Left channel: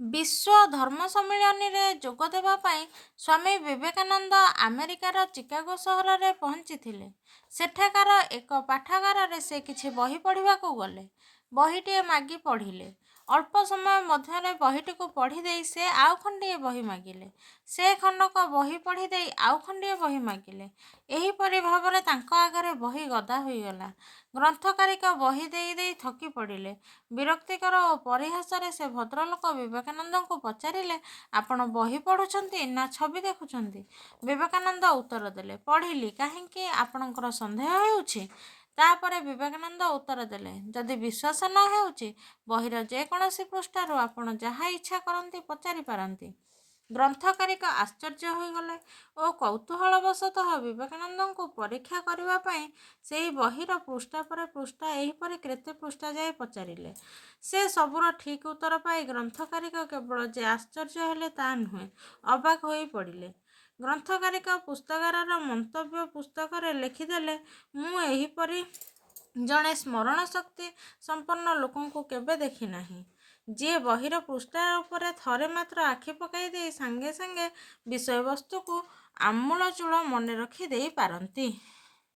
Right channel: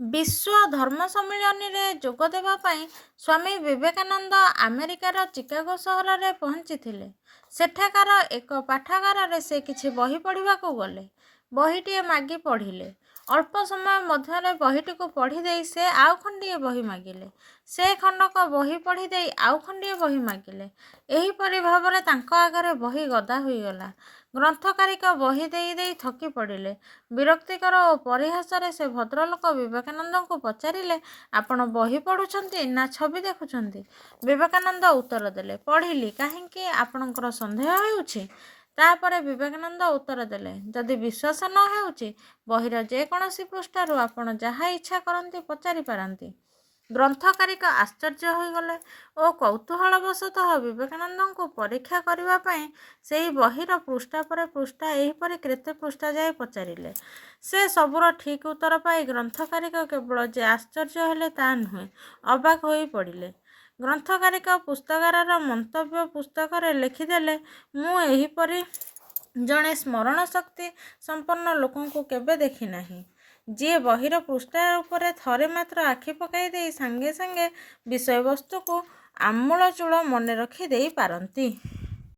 ବିଶ୍ୱ ଧର୍ମ ସମ୍ମିଳନୀରେ ଯୋଗ ଦେବା ପାଇଁ ସ୍ୱାମୀ ବିବେକାନନ୍ଦ ଆମେରିକାର ଚିକାଗୋ ସହରରେ ପହଞ୍ଚିଥିଲେ। ସେଠାକାର ଏକ ପାଠାଗାରରେ ସେ କିଛି ବହି ପଢ଼ିବାକୁ ଗଲେ। ବହିଟିଏ ମାଗି ପଢ଼ିଲେ। ଅଳ୍ପ ସମୟ ମଧ୍ୟରେ ବହିଟିକୁ ପଢ଼ି ଦେଇ ସେ ଆଉ ଖଣ୍ଡିଏ ବହି ମାଗିଲେ। ସେ ଖଣ୍ଡକ ବହି ପଢ଼ି ଦେଇ ଆଉ ଖଣ୍ଡିଏ ବହି ମାଗିଲେ। ଏହିପରି ଭାବରେ ତାଙ୍କ ଆଗରେ ବହି ଗଦା ହୋଇଗଲା। ଗ୍ରନ୍ଥକାରିକା ବହି ଦେଇ ଦେଇ ଥକି ପଡ଼ିଲେ। ବିରକ୍ତିକର ଓ ପରିହାସରେ ସେ ଭଦ୍ରଲୋକ ବିବେକାନନ୍ଦଙ୍କୁ ପଚାରିଲେ, ଆପଣ ବହି ପଢ଼ୁଛନ୍ତି ନା ଛବି ଦେଖୁଛନ୍ତି? ବିବେକାନନ୍ଦ ଉତ୍ତର ଦେଲେ, ପଢ଼ିଲି। କାହିଁକି, ଆପଣଙ୍କର ସନ୍ଦେହ ହେଉଛି? ତାପରେ ବିବେକାନନ୍ଦ ଉତ୍ତର ଦେଲେ, ଯଦି ବିଶ୍ୱାସ ନ ହେଉଛି, ବହିର ଯେକୌଣସି ପୃଷ୍ଠାରୁ ଆପଣ ଯାହା ଇଚ୍ଛା କରନ୍ତି ପଚାରି ପାରନ୍ତି। ଗ୍ରନ୍ଥକାରିକା ଆଶ୍ଚର୍ଯ୍ୟ ହୋଇଗଲେ ଓ କୌତୂହଳବଶତଃ ବିବେକାନନ୍ଦଙ୍କୁ ପରୀକ୍ଷା କରିବା ପାଇଁ ସେହି ବହିର ପୃଷ୍ଠା ପରେ ପୃଷ୍ଠା ଏହିପରି କେତେ ପୃଷ୍ଠା ଯାଏ ପଚାରିଲେ। ସେ ସବୁର ଠିକ୍ ଉତ୍ତର ପାଇ ଗ୍ରନ୍ଥକାରିକା କେବଳ ଯେ ଆଶ୍ଚର୍ଯ୍ୟ ହେଲେ ତା ନୁହେଁ, ଅବାକ୍ ହୋଇ ପଡ଼ିଲେ। ଗ୍ରନ୍ଥକାରିକା ପୁସ୍ତକାରର ମନ୍ତବ୍ୟ ପୁସ୍ତକରେ ଲେଖିଦେଲେ, ମୁଁ ଏହିପରି ଜଣେ ସ୍ମରଣ ଶକ୍ତି ସମ୍ପନ୍ନ ଲୋକଙ୍କୁ କେବେ ଦେଖି ନାହିଁ, ଯିଏ ବହିର ପୃଷ୍ଠା ଉପରେ ଥରେ ମାତ୍ର ଆଖି ପକାଇ ଦେଇ ସାଙ୍ଗେ ସାଙ୍ଗେ ବିଷୟବସ୍ତୁକୁ ଆମୂଳଚୂଳ ମନେ ରଖି ଦେଇ ପାରନ୍ତି।